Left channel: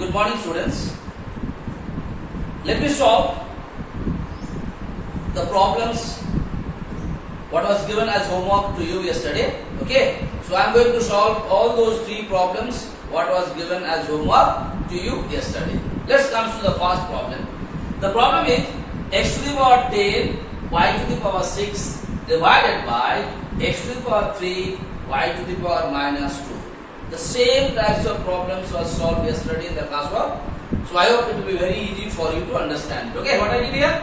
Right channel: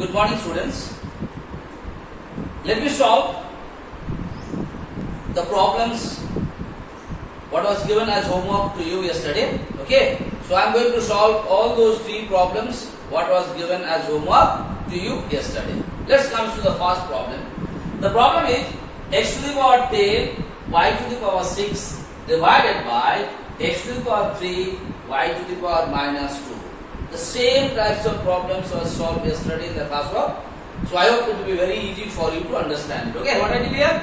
Good morning, students. Let me solve the problems what was given as homework to you yesterday. Okay. So I am going to solve all those three problems what was given as homework to you yesterday. Let's come to the first problem. The problem is x to the power 10 y to the power 6 divided by x to the power 3 y to the power minus 2. The same types of problems were solved yesterday in the classwork. So I hope it will be very easy for you to understand. Okay, what I did here?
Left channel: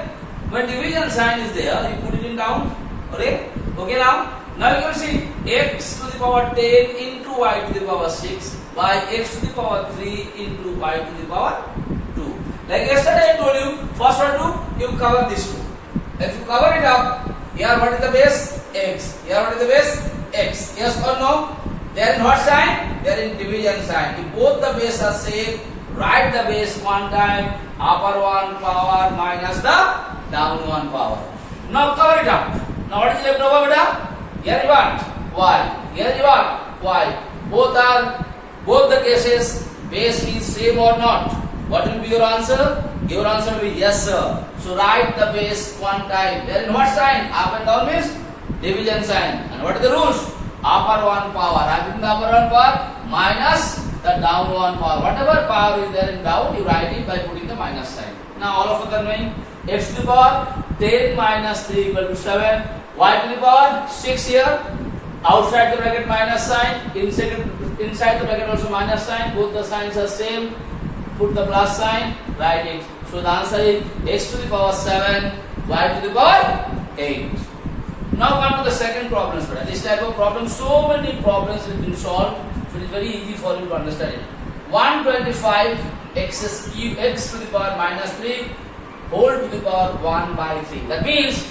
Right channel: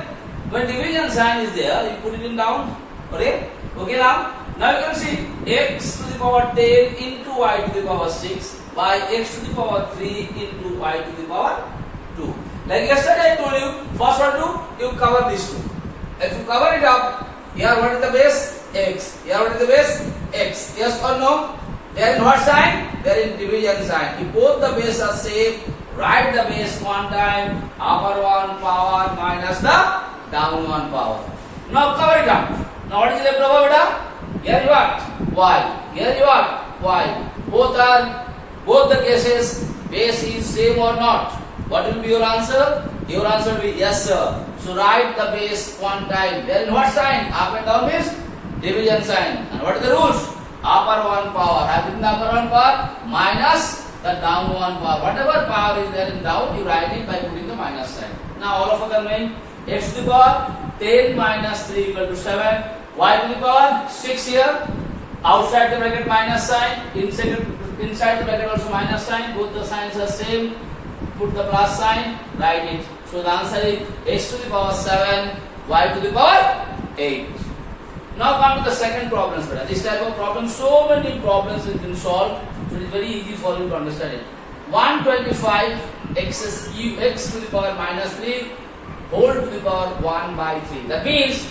When division sign is there, you put it in down. Okay, now you can see x to the power 10 into y to the power 6 by x to the power 3 into y to the power 2. Like yesterday I told you, first one do, you cover these two. If you cover it up, here what is the base? X. Here what is the base? X. Yes or no? They are in what sign? They are in division sign. If both the base are same, write the base one time, upper one power minus the down one power. Now cover it up. Now what is left over, beta? Here you are y. Here you are y. Both the cases base is same or not? What will be your answer? Your answer will be yes, sir. So write the base one time. They are in what sign? Up and down means division sign. And what are the rules? Upper one power, having the upper one power minus the down one power. Whatever power is there in down, you write it by putting the minus sign. Now all of us are knowing x to the power 10 minus 3 equal to 7. Y to the power 6 here. Outside the bracket minus sign. Inside the bracket also minus sign. Both the signs are same. Put the plus sign. Write it. So the answer is x to the power 7. Y to the power 8. Now come to the second problem. This type of problem, so many problems have been solved, so it is very easy for you to understand it. 125 x to the power minus 3 whole to the power 1 by 3. That means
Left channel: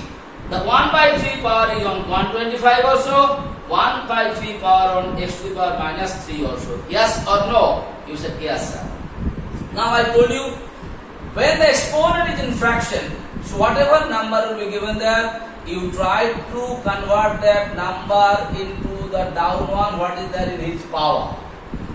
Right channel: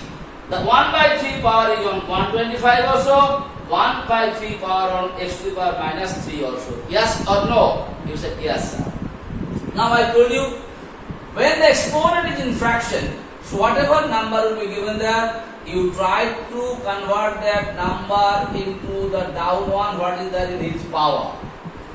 the 1 by 3 power is on 125 also, 1 by 3 power on x to the power minus 3 also. Yes or no? You said yes, sir. Now I told you, when the exponent is in fraction, so whatever number will be given there, you try to convert that number into the down one, what is there in his power,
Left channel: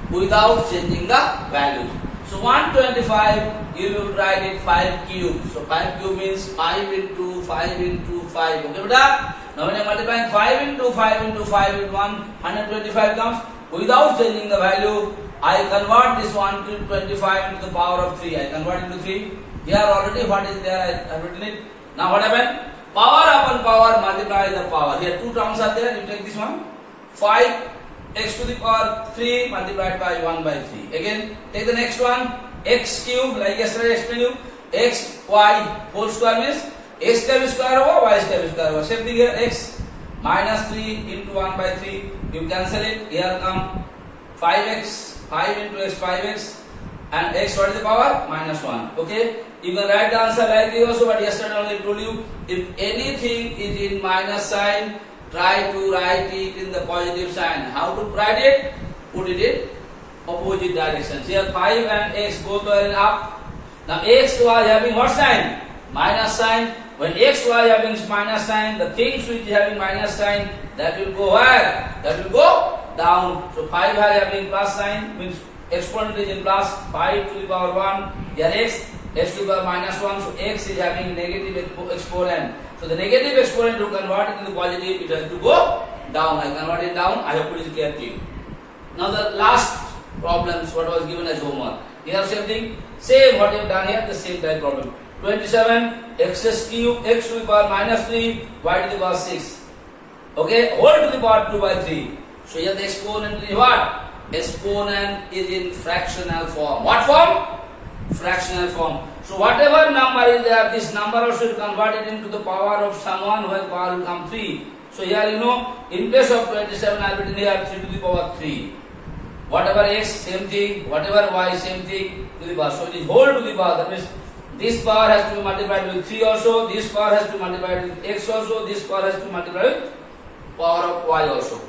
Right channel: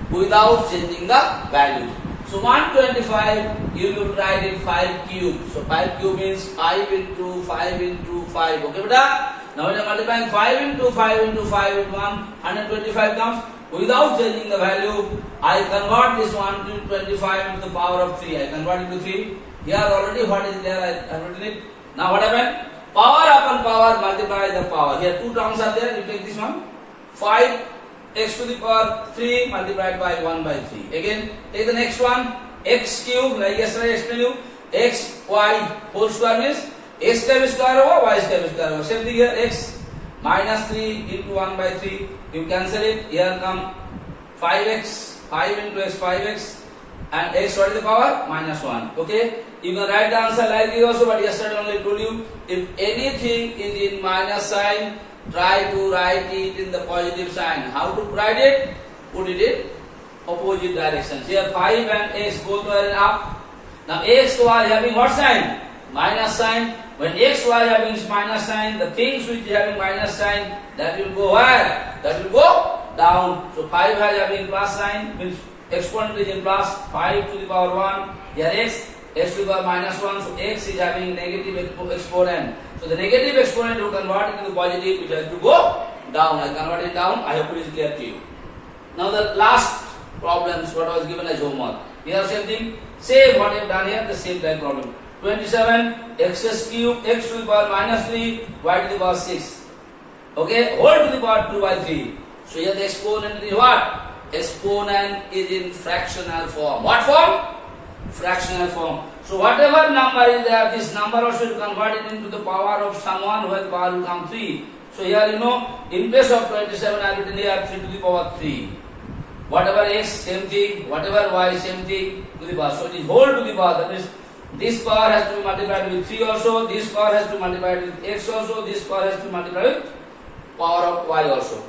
without changing the value. So 125, you will write it 5 cube. So 5 cube means 5 into 5 into 5. Okay, beta? Now when I multiply 5 into 5 into 5 with 125 comes. Without changing the value, I convert this 125 into the power of 3. I convert it to 3. Here already what is there, I have written it. Now what happened? Power upon power multiply the power. Here two terms are there. You take this one. 5 x to the power 3 multiplied by 1 by 3. Again, take the next one. X cube, like yesterday I explained you. X, y whole square means x times square over y times square over. Same thing here. X minus 3 into 1 by 3. You cancel it. Here come 5x. 5 into x, 5x. And x what is the power? Minus 1. Okay. You can write the answer like this also, but yesterday only told you, if anything is in minus sign, try to write it in the positive sign. How to write it? Put it in opposite directions. Here 5 and x both are in up. Now x, y having what sign? Minus sign. When x, y having minus sign, the things which having minus sign, that will go where? That will go down. So 5 having plus sign, means exponent is in plus, 5 to the power 1. Here x to the power minus 1, so x is having negative exponent. So the negative exponent to convert it into positive, it has to go down. I convert it down. I hope it is clear to you. Now the last problems what was given as homework. Here same thing, same what you have done here, the same type problem. 27 x cube x to the power minus 3 y to the power 6. Okay, whole to the power 2 by 3. So here the exponent is what? Exponent is in fractional form. What form? Fractional form. So whatever number is there, this number also should convert it into the power of someone where power will come 3. So here you know, in place of 27 I have written here 3 to the power 3. Whatever x, same thing. Whatever y, same thing to the power. So it is whole to the power. That means this power has to be multiplied with 3 also. This power has to be multiplied with x also. This power has to be multiplied with power of y also.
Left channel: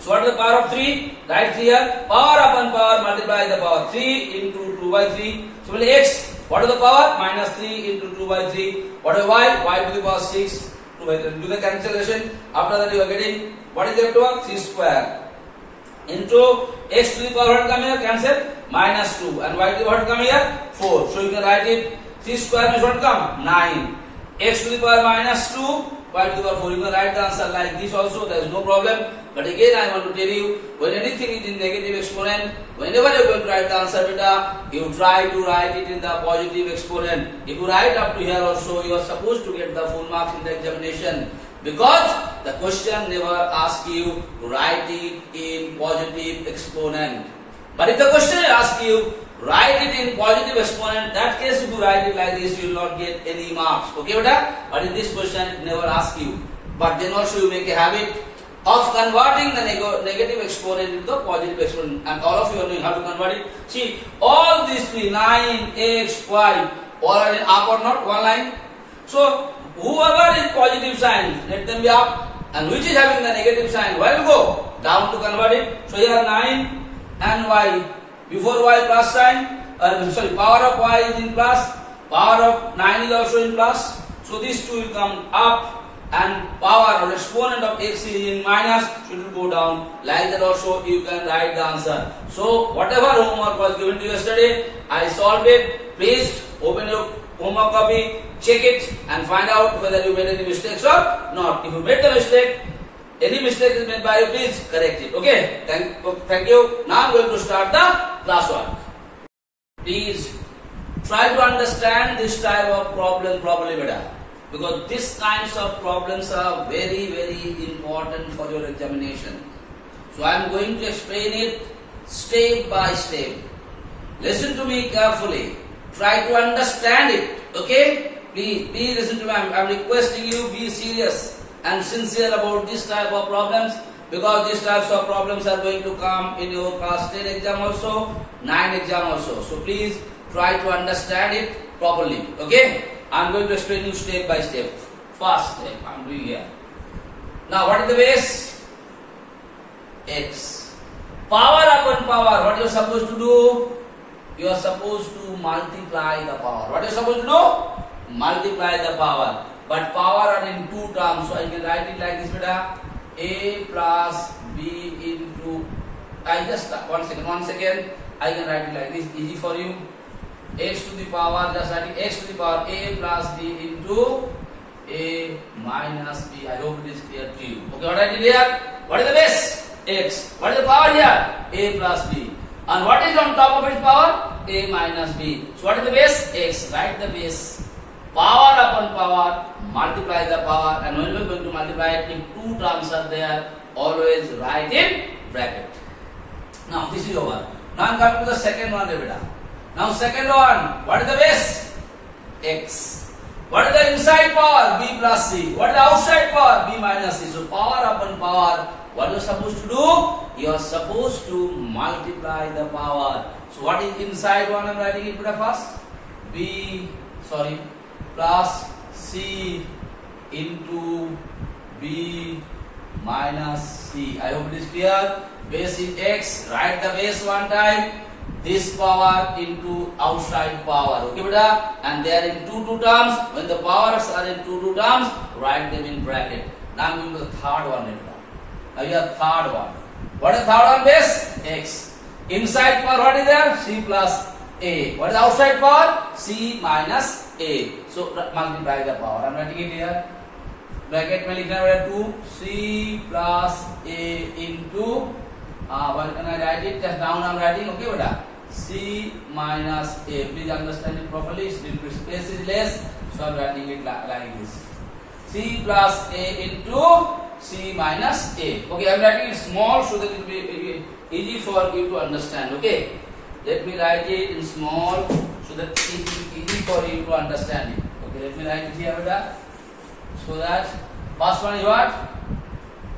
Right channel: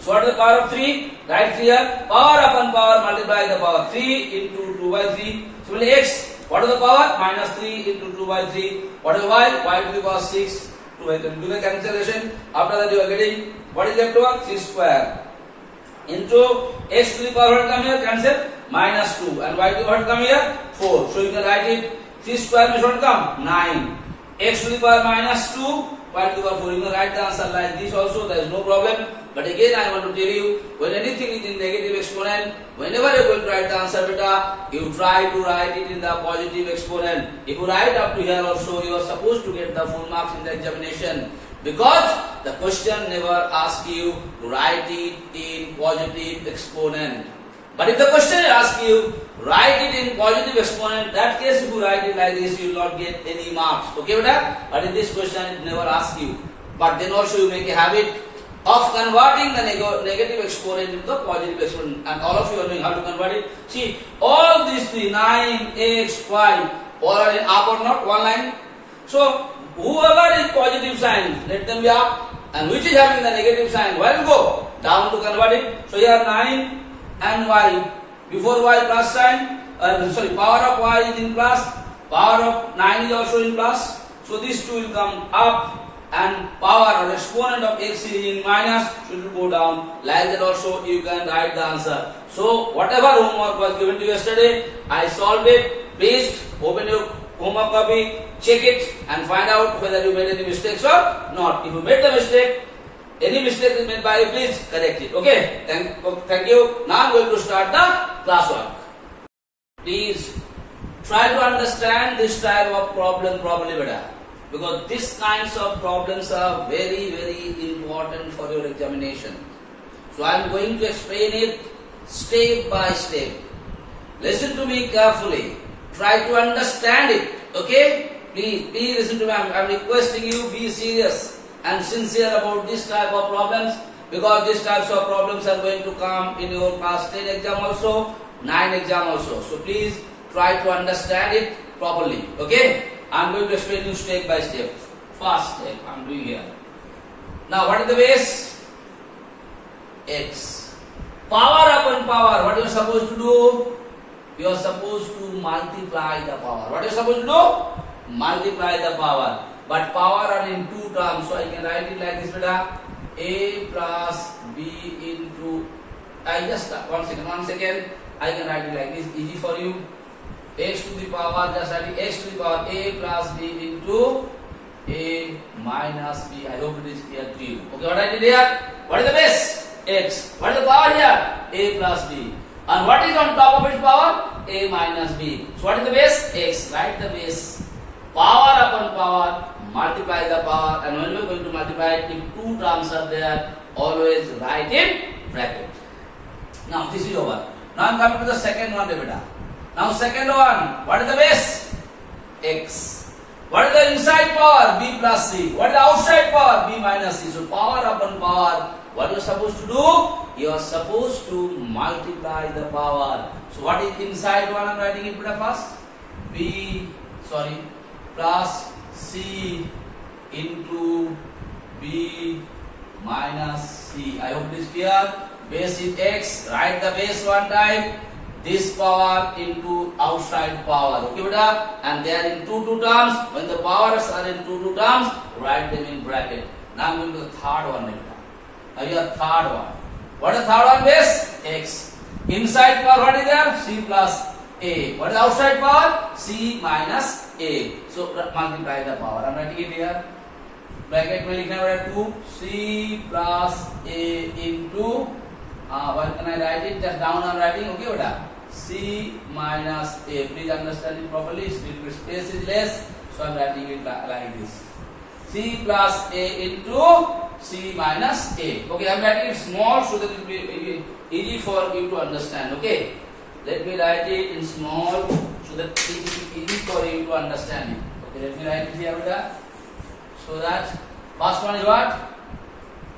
So what is the power of 3? Write here. Power upon power multiply the power 3 into 2 by 3. Similarly x, what is the power? Minus 3 into 2 by 3. What is y? Y to the power 6. 2 by 3. Do the cancellation. After that you are getting, what is left over? 3 square. Into x to the power what come here? Cancel. minus 2. And what will come here? 4. So you can write it. 3 square means what come? 9. X to the power minus 2, y to the power 4. You can write the answer like this also. There is no problem. But again, I want to tell you, when anything is in negative exponent, whenever you are going to write the answer, beta, you try to write it in the positive exponent. If you write up to here also, you are supposed to get the full marks in the examination. Because the question never asks you to write it in positive exponent. But if the question asks you, write it in positive exponent, that case if you write it like this, you will not get any marks. Okay, beta? But in this question, it never asks you. But then also you make a habit of converting the negative exponent into the positive exponent. And all of you are knowing how to convert it. See, all these three, 9, x, y, all are in up or not, one line. So, whoever is positive sign, let them be up. And which is having the negative sign, where will go? Down to convert it. So, here 9 and y. Before y plus sign, power of y is in plus, power of 9 is also in plus. So, these two will come up. And power or exponent of x is in minus, so it will go down. Like that also you can write the answer. So whatever homework was given to you yesterday, I solved it. Please open your homework copy, check it and find out whether you made any mistakes or not. If you made the mistake, any mistake is made by you, please correct it. Okay? Thank you. Now I am going to start the classwork. Please try to understand this type of problem properly better. Because these kinds of problems are very, very important for your examination. So I am going to explain it step by step. Listen to me carefully. Try to understand it. Okay? Please listen to me. I am requesting you be serious and sincere about this type of problems. Because these types of problems are going to come in your class 10 exam also, 9 exam also. So please try to understand it properly. Okay? I am going to explain you step by step. First step I am doing here. Now what is the base? X. Power upon power. What you are supposed to do? You are supposed to multiply the power. What you are supposed to do? Multiply the power. But power are in two terms. So I can write it like this, beta. A plus B into. One second. I can write it like this. Easy for you. X to the power, just writing x to the power a plus b into a minus b. I hope it is clear to you. Okay, what I did here? What is the base? X. What is the power here? A plus b. And what is on top of its power? A minus b. So what is the base? X. Write the base. Power upon power, multiply the power. And when we are going to multiply it, if two terms are there, always write in bracket. Now this is over. Now I am coming to the second one, beta. Now second one, what is the base? X. What is the inside power? B plus C. What is the outside power? B minus C. So power upon power, what you are supposed to do? You are supposed to multiply the power. So what is inside one? I am writing it first. Plus C into B minus C. I hope it is clear. Base is X. Write the base one time. This power into outside power. Okay, beta? And they are in two terms. When the powers are in two terms, write them in bracket. Now I am going to the third one, beta. Now here third one. What is the third one base? X. Inside power, what is there? C plus A. What is the outside power? C minus A. So multiply the power. I am writing it here. Bracket में लिखना पड़ेगा 2C plus A into what can I write it? Just down I am writing. Okay, beta? C minus A. Please understand it properly. Space is less, so I am writing it like this. C plus A into C minus A. Okay, I am writing it small so that it will be easy for you to understand. Okay, let me write it in small so that it will be easy for you to understand it. Okay, let me write it here, beta. So that first one is what?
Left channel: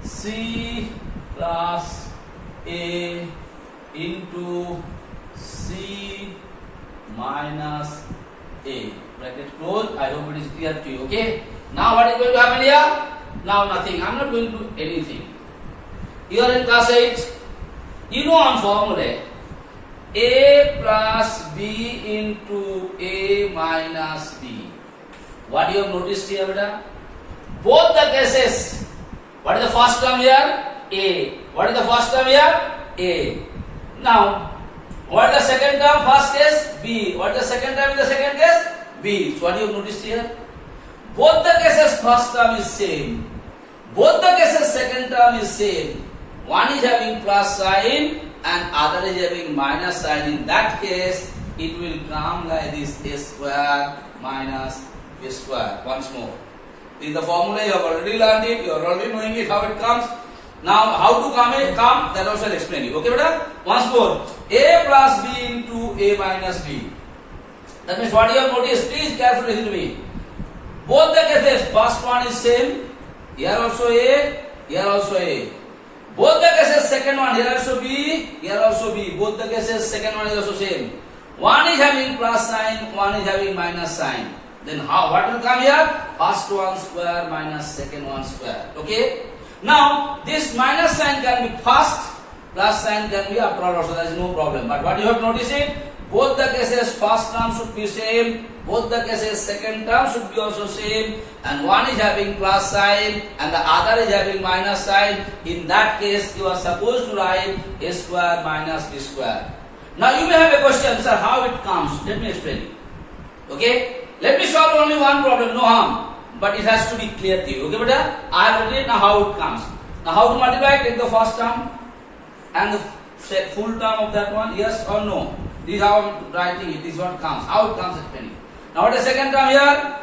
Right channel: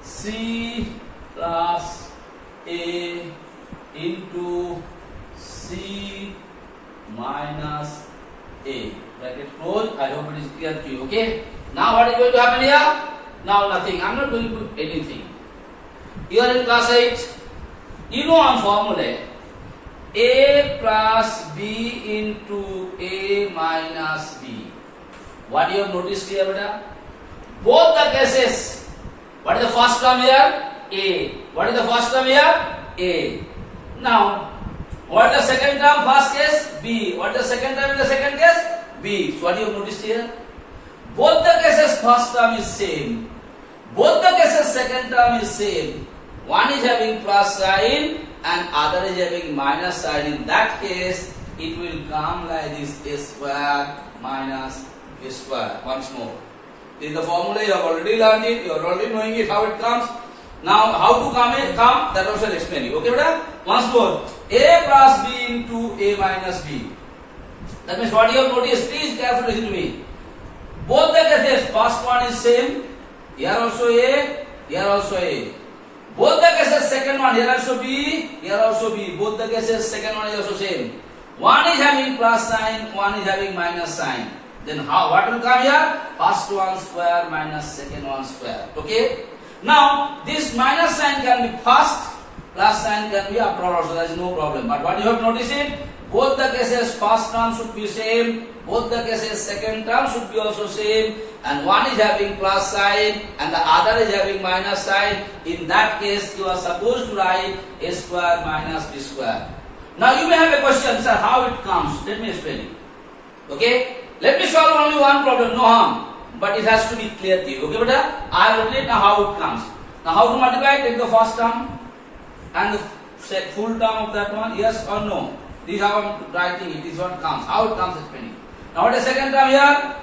C plus A into C minus A. Bracket close. I hope it is clear to you. Okay. Now what is going to happen here? Now nothing. I am not going to do anything. You are in class 8. You know on formula. A plus B into A minus B. What you have noticed here, beta? Both the cases. What is the first term here? A. What is the first term here? A. Now, What the second term? First case B. What the second term in the second case? B. So what you have noticed here? Both the cases first term is same. Both the cases second term is same. One is having plus sign and other is having minus sign. In that case, it will come like this: a square minus b square. Once more. This is the formula. You have already learned it. You are already knowing it, how it comes. Now, how to come that also I'll explain you. Okay, brother? Once more. A plus B into A minus B. That means what you have noticed, please carefully listen to me. Both the cases, first one is same. Here also A, here also A. Both the cases, second one, here also B, here also B. Both the cases, second one is also same. One is having plus sign, one is having minus sign. Then how? What will come here? First one square minus second one square. Okay? Now, this minus sign can be first, plus sign can be after all also, there is no problem. But what you have noticed it, both the cases first term should be same, both the cases second term should be also same, and one is having plus sign and the other is having minus sign. In that case, you are supposed to write a square minus b square. Now, you may have a question, sir, how it comes? Let me explain it. Okay? Let me solve only one problem, no harm. But it has to be clear to you. Okay, brother? I have written now how it comes. Now, how to multiply? Take the first term and the full term of that one. Yes or no? This is how I am writing it. This is what comes. How it comes explaining. Now, what is the second term here?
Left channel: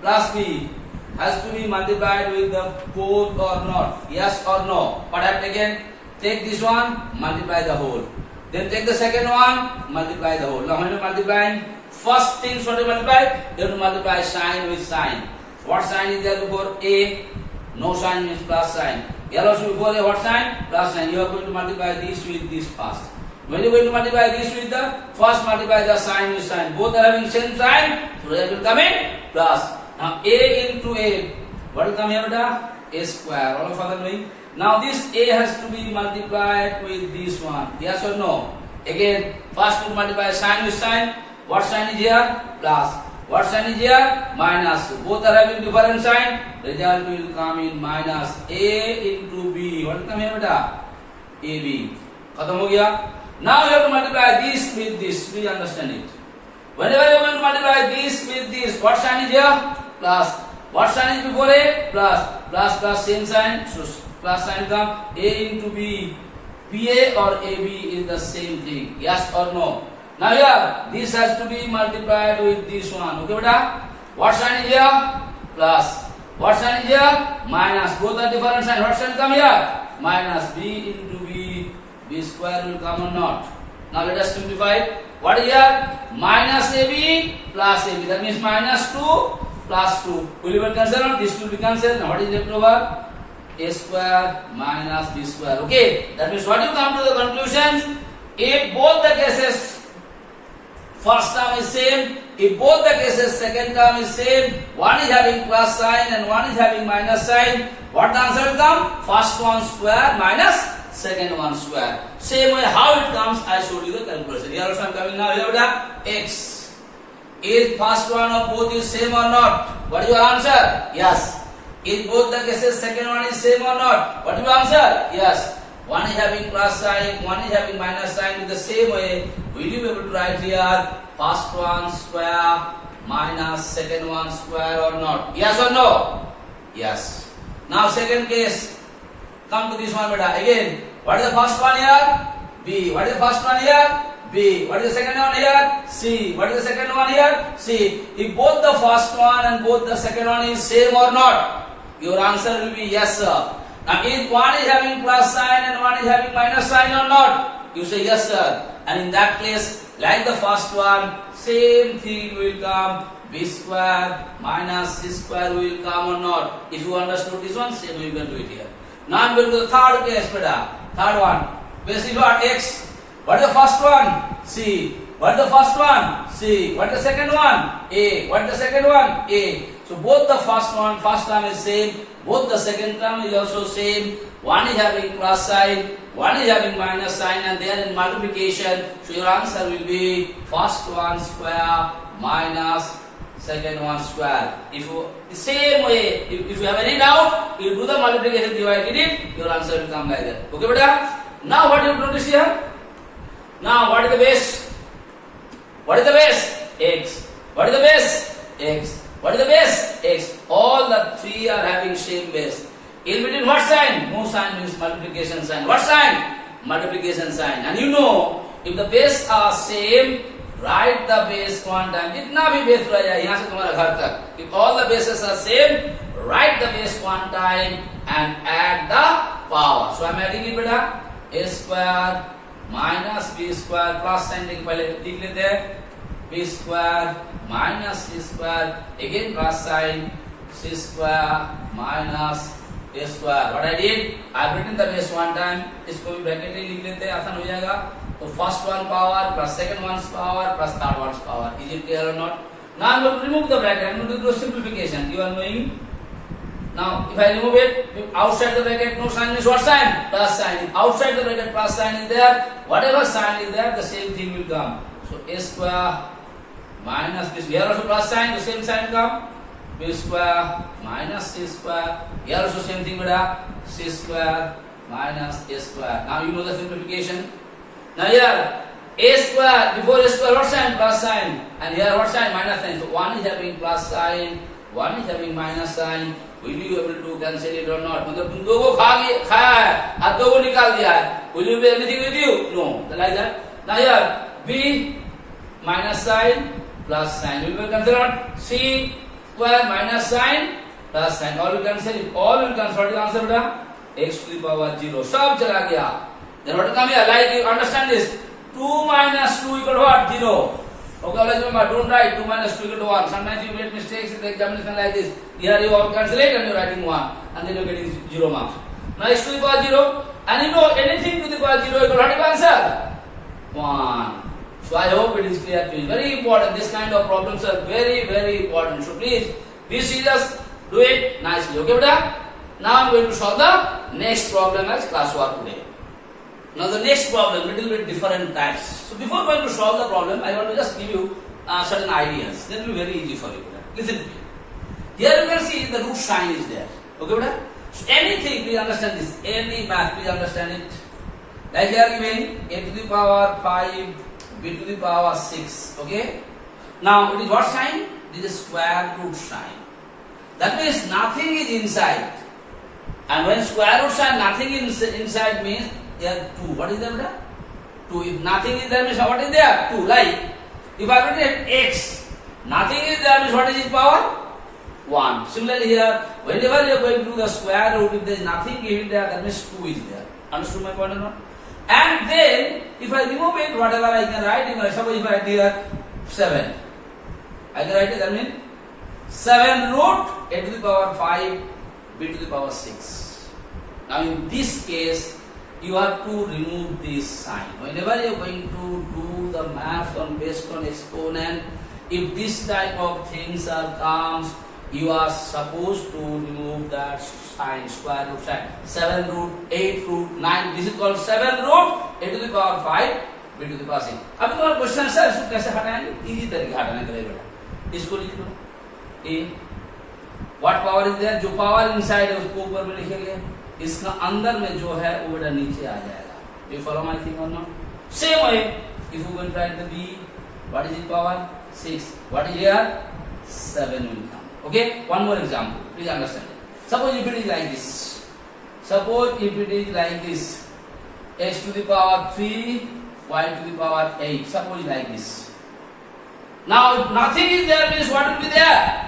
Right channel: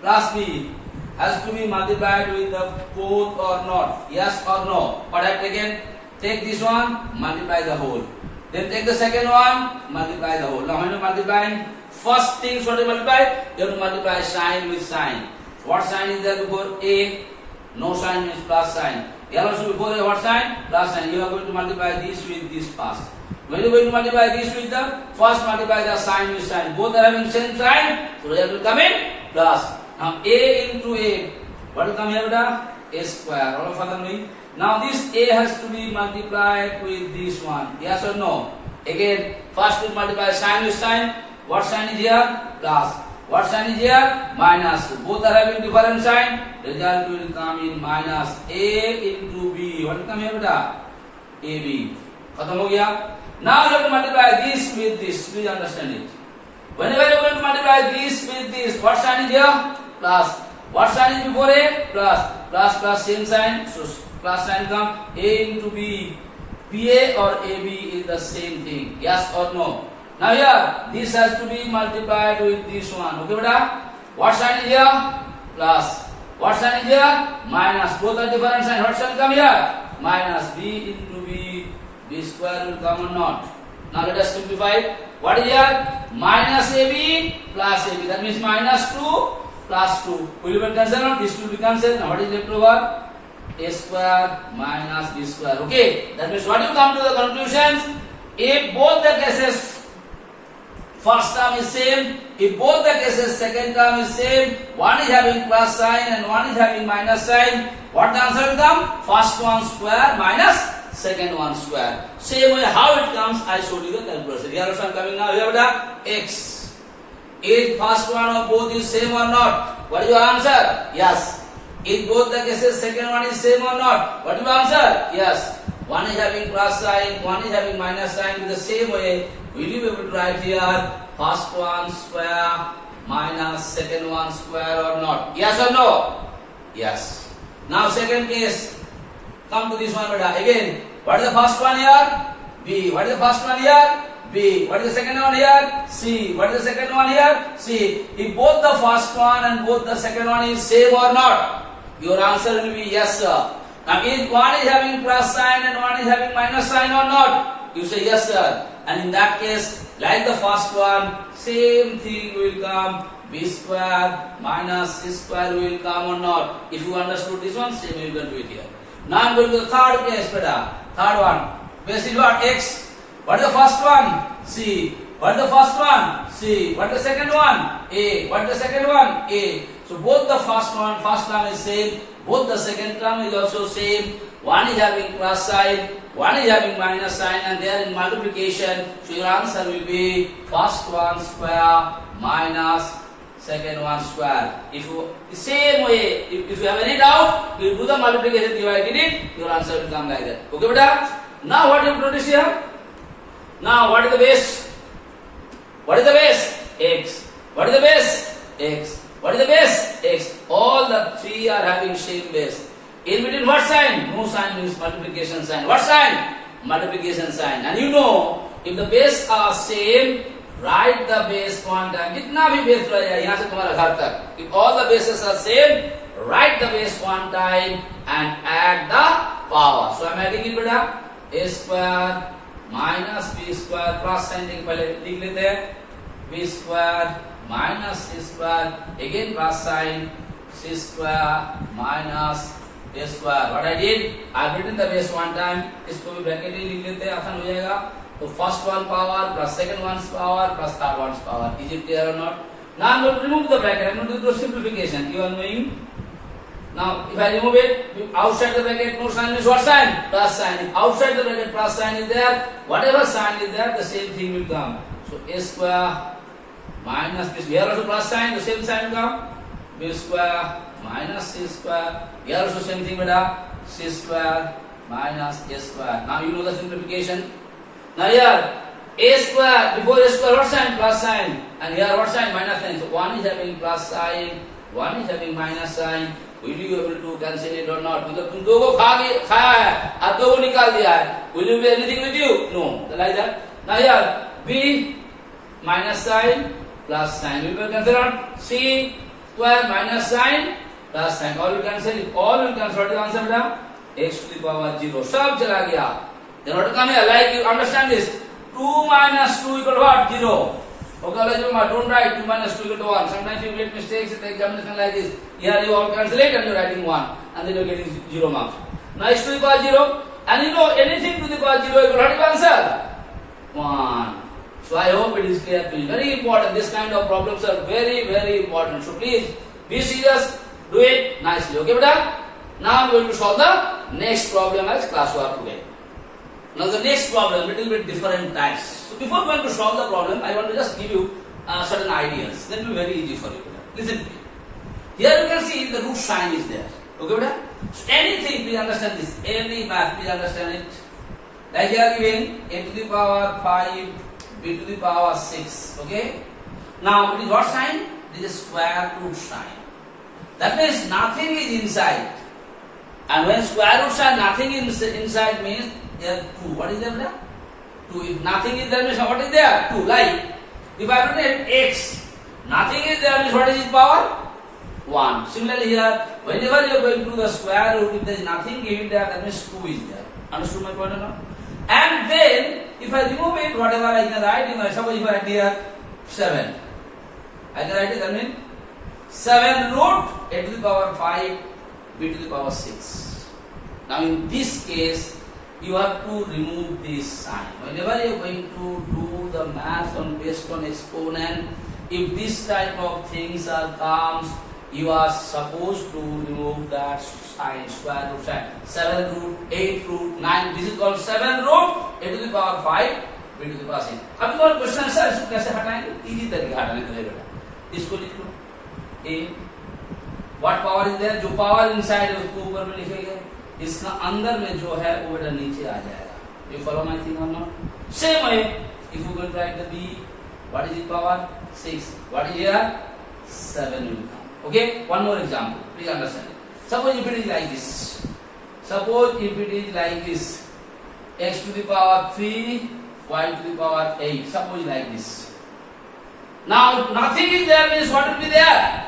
Plus b has to be multiplied with the both or not. Yes or no? What I have taken? Take this one, multiply the whole. Then take the second one, multiply the whole. Now, when you multiply, first things what you multiply? You have to multiply sign with sign. What sign is there before A? No sign means plus sign. Here also before A, what sign? Plus sign. You are going to multiply this with this first. When you are going to multiply this with the first, multiply the sign with sign. Both are having same sign. So there will come in plus. Now A into A. What will come here, beta? A square. All of us me. Now this A has to be multiplied with this one. Yes or no? Again, first we multiply sign with sign. What sign is here? Plus. What sign is here? Minus. Both are having different sign. Result will come in minus A into B. What will come here, beta? AB. Khatam ho gaya? Now you have to multiply this with this. Please understand it. Whenever you are going to multiply this with this, what sign is here? Plus. What sign is before A? Plus. Plus plus same sign. So plus sign come A into B. PA or AB is the same thing. Yes or no? Now here, this has to be multiplied with this one. Okay, beta? What sign is here? Plus. What sign is here? Minus. Both are different signs. What sign come here? Minus. B into B. B square will come or not? Now let us simplify it. What is here? Minus AB plus AB. That means minus 2 plus 2. Will you be cancelled? This 2 will be cancelled. Now what is left over? A square minus B square. Okay. That means what you come to the conclusion? If both the cases first term is same, if both the cases second term is same, one is having plus sign and one is having minus sign, what the answer will come? First one square minus second one square. Same way how it comes, I showed you the calculation. Here also I am coming now. Here the x. Is first one of both is same or not? What is your answer? Yes. Is both the cases second one is same or not? What is your answer? Yes. One is having plus sign, one is having minus sign. In the same way, will you be able to write here first one square minus second one square or not? Yes or no? Yes. Now second case. Come to this one, beta. Again, what is the first one here? B. What is the first one here? B. What is the second one here? C. What is the second one here? C. If both the first one and both the second one is same or not? Your answer will be yes, sir. Now, if one is having plus sign and one is having minus sign or not? You say yes, sir. And in that case, like the first one, same thing will come. B square minus C square will come or not? If you understood this one, same you can do it here. Now I am going to the third case, beta. Third one. Basically what? X. What is the first one? C. What is the first one? C. What is the second one? A. What is the second one? A. So both the first term is same. Both the second term is also same. One is having plus sign, one is having minus sign, and they are in multiplication. So your answer will be first one square minus second one square. If you the same way, if you have any doubt, you do the multiplication, divide it, your answer will come like that. Okay, beta? Now what you have noticed here? Now what is the base? What is the base? X. What is the base? X. What is the base? X. All the three are having same base. In between what sign? No sign means multiplication sign. What sign? Multiplication sign. And you know, if the base are same, write the base one time. जितना भी base रह जाए यहाँ से तुम्हारा घर तक. If all the bases are same, write the base one time and add the power. So I am adding it बेटा. A square minus b square plus sign देंगे पहले लिख लेते हैं. B square minus c square again plus sign c square minus a square. What I did? I have written the base one time. इसको भी bracket में लिख लेते हैं, आसान हो जाएगा. So first one power plus second one's power plus third one's power. Is it clear or not? Now I'm going to remove the bracket. I'm going to do simplification. You are knowing. Now if I remove it, outside the bracket no sign means what sign? Plus sign. If outside the bracket plus sign is there, whatever sign is there, the same thing will come. So a square minus b. Here also plus sign, the same sign will come. B square minus c square. Here also same thing, beta. C square minus a square. Now you know the simplification. Now here a square, before a square what sign? Plus sign. And here what sign? Minus sign. So one is having plus sign, one is having minus sign. Will you be able to cancel it or not? मतलब तुम दो को खाया है, और दो को निकाल दिया है. Will you be anything with you? No. Like that. Now here b minus sign plus sign. Will you cancel out? C square minus sign plus sign. All will cancel it. All will cancel. What is the answer, beta? X to the power 0. सब चला गया. Then what come here? Like you understand this? 2 minus 2 equal to what? 0. Okay, like don't write 2 minus 2 equal to 1. Sometimes you make mistakes in the examination like this. Here you all cancel it and you are writing 1. And then you are getting 0 marks. Now x to the power 0. And you know anything to the power 0 equal to what answer? 1. So I hope it is clear to you. Very important. This kind of problems are very, very important. So please be serious. Do it nicely. Okay, beta? Now I am going to solve the next problem as classwork today. Now the next problem, little bit different types. So before going to solve the problem, I want to just give you certain ideas. That will be very easy for you. Listen to me. Here you can see the root sign is there. Okay, beta? So anything, please understand this. Any math, please understand it. Like here giving a to the power 5, b to the power 6. Okay. Now it is what sign? It is a square root sign. That means nothing is inside. And when square root sign nothing is inside means there 2. What is there? 2. If nothing is there means what is there? 2. Like if I write x, nothing is there means what is its power? 1. Similarly here, whenever you are going to the square root, if there is nothing given there, that means 2 is there. Understood my point or not? And then if I remove it, whatever I can write, suppose if I write here 7, I can write it, that means 7 root a to the power 5, b to the power 6. Now in this case, you have to remove this sign. Whenever you are going to do the math based on exponent, if this type of things are comes, you are supposed to remove that sign, square root sign. 7 root, 8 root, 9. This is called 7 root a to the power 5, b to the power 6. अब तुम्हारा question sir इसको कैसे हटाएंगे? Easy तरीका हटाने का बेटा. इसको लिख लो. A. What power is there? जो power inside है उसको ऊपर में लिखेंगे. इसका अंदर में जो है वो बेटा नीचे आ जाएगा. You follow my thing or not? Same way, if you go and write the b, what is its power? 6. What is here? 7 will come. Okay. One more example. Please understand it. Suppose if it is like this. Suppose if it is like this. X to the power 3, y to the power 8. Suppose like this. Now if nothing is there means what will be there?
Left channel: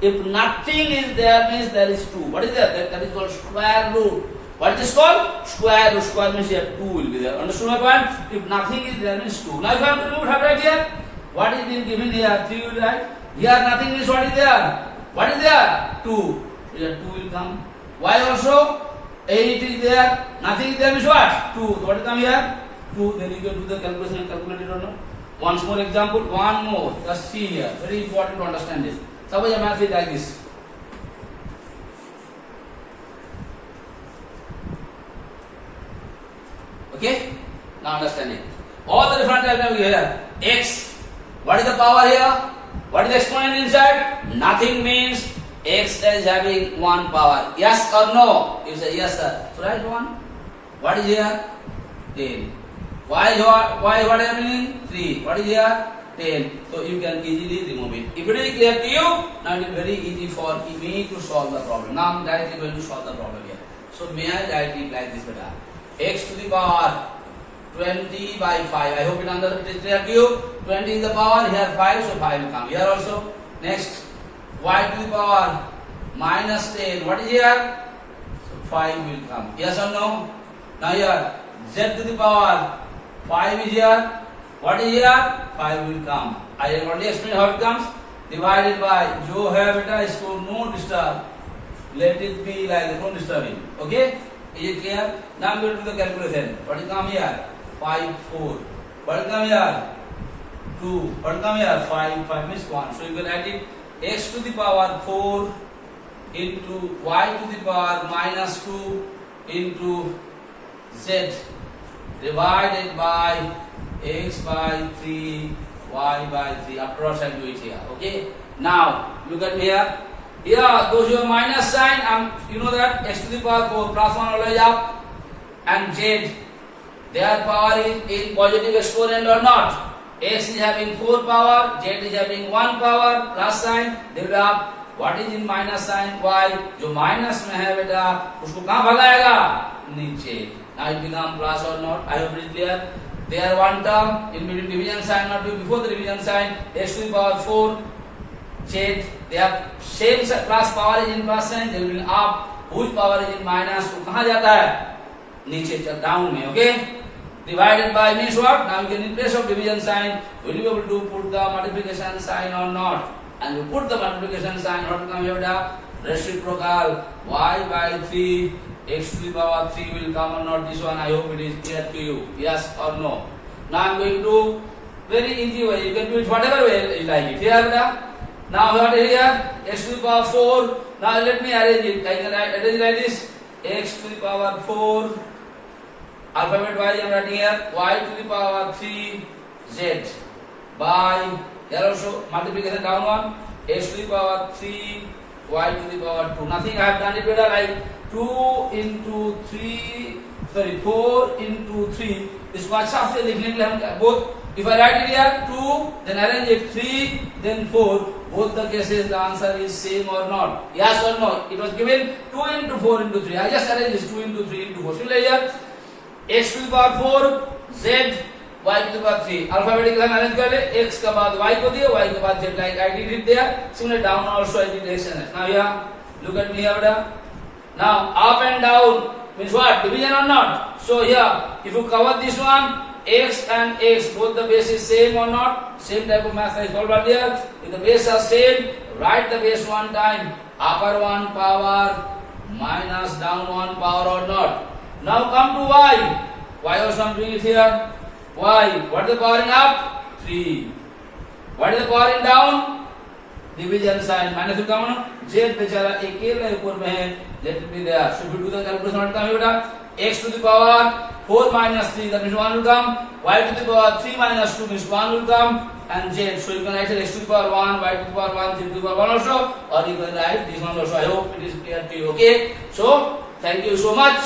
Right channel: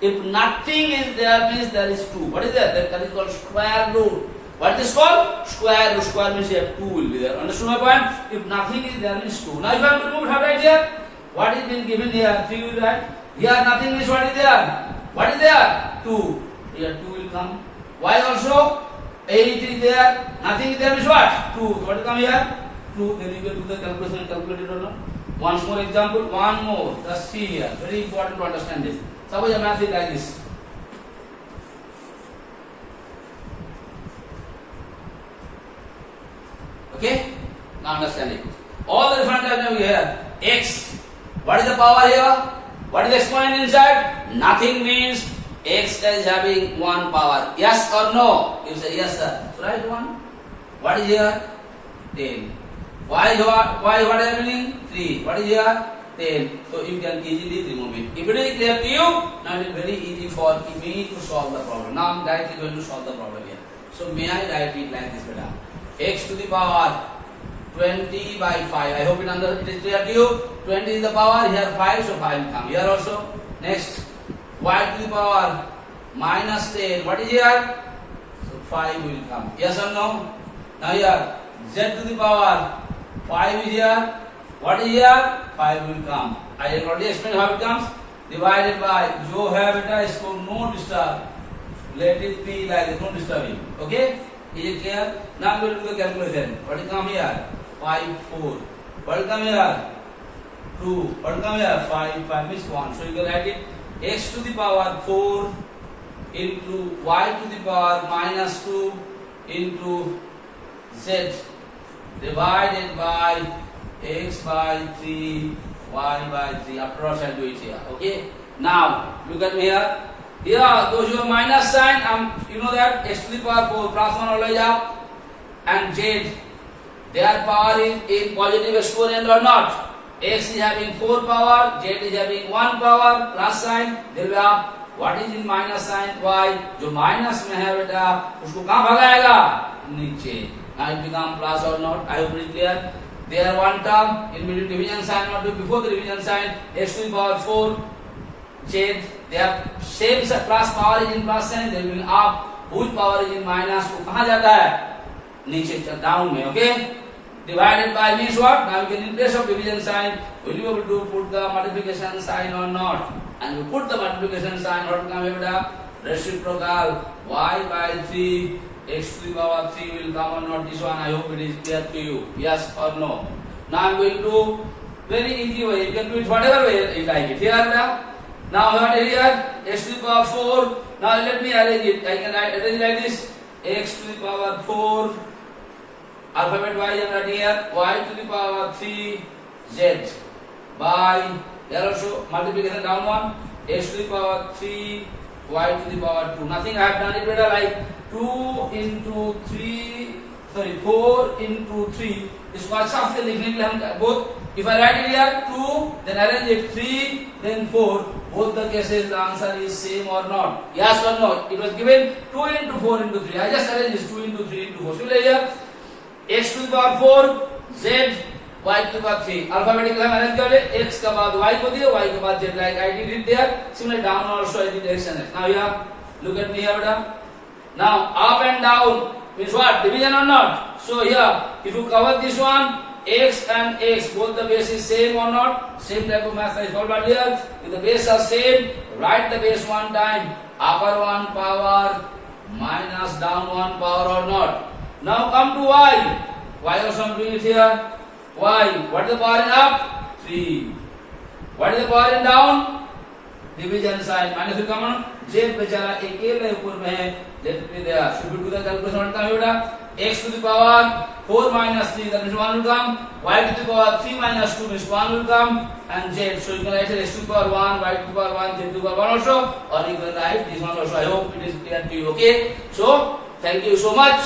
If nothing is there means there is 2. What is there? That is called square root. What is this called? Square root. Square means here 2 will be there. Understood my point? If nothing is there means 2. Now if I have to remove, how right here? What is been given here? 3 will write. Here nothing means what is there? What is there? 2. Here 2 will come. Y also 8 is there. Nothing is there means what? 2. So what will come here? 2. Then you can do the calculation and calculate it or not. Once more example. One more. Just see here. Very important to understand this. Suppose your math is like this. Okay? Now understand it. All the different types of here. X. What is the power here? What is the exponent inside? Nothing means x is having 1 power. Yes or no? You say yes sir. So write 1. What is here? 10. Y what happening? 3. What is here? 10. So you can easily remove it. If it is clear to you, now it is very easy for me to solve the problem. Now I am directly going to solve the problem here. So may I write it like this, beta? X to the power 20 by 5. I hope it is clear to you. 20 is the power, here 5, so 5 will come. Here also. Next, y to the power minus 10. What is here? So 5 will come. Yes or no? Now here, z to the power 5 is here. What is here? 5 will come. I have already explained how it comes. Divided by, जो है बेटा इसको no disturb. Let it be like this, no disturbing. Okay? Is it clear? Now I am going to do the calculation. What will come here? 5, 4. What will come here? 2. What will come here? 5, 5 means 1. So you can write it x to the power 4 into y to the power minus 2 into z divided by x by 3, y by 3. After all, I'll do it here. Okay? Now, look at me here. Here, those who have minus sign, you know that x to the power 4 plus 1 always up, and z, their power is in positive exponent or not. X is having 4 power, z is having 1 power, plus sign, they will have what is in minus sign? Y. जो minus में है बेटा, उसको कहाँ भगाएगा? नीचे. Now it become plus or not? I hope it is clear. There one term in between division sign or before the division sign, x to the power 4, z, they have same plus power is in plus sign, they will be up, whose power is in minus, वो कहाँ जाता है? नीचे, down में, okay? Divided by means what? Now you can in place of division sign, will you be able to put the multiplication sign or not? And you put the multiplication sign, what will come here? Reciprocal, y by 3, x to the power 3 will come or not? This one I hope it is clear to you. Yes or no? Now I am going to very easy way. You can do it whatever way you like it. Here now what is here? X to the power 4. Now let me arrange it. I can arrange like this. X to the power 4. Alphabet wise I am writing here. Y to the power 3 z by, here also multiplication down one, x to the power 3 y to the power 2. Nothing I have done it better, like 2 into 3, sorry 4 into 3. इसको अच्छा से लिखने के लिए हम both, if I write it here 2, then arrange it 3, then 4. Both the cases the answer is same or not? Yes or no? It was given 2 into 4 into 3. I just arrange this 2 into 3 into 4. So here x to the power 4 z y to the power 3. Alphabetical हम arrange कर ले. x का बाद y को दिया, y के बाद z, like I did it there. Similarly down also I did direction. Now here, look at me here beta. Now up and down means what? Division or not? So here, if you cover this one, x and x, both the base is same or not? Same type of math I solved earlier. If the base are same, write the base one time. Upper one power minus down one power or not? Now come to y. Y also I'm doing it here. Y. What is the power in up? 3. What is the power in down? Division sign. Minus will come on. Z बेचारा अकेले ऊपर में है. Let it be there. Should we do the calculation? What come here? X to the power 4 minus 3. That means 1 will come. Y to the power 3 minus 2 means 1 will come. And Z. So you can write x to the power 1, y to the power 1, z to the power 1 also. Or you can write this one also. I hope it is clear to you. Okay. So thank you so much.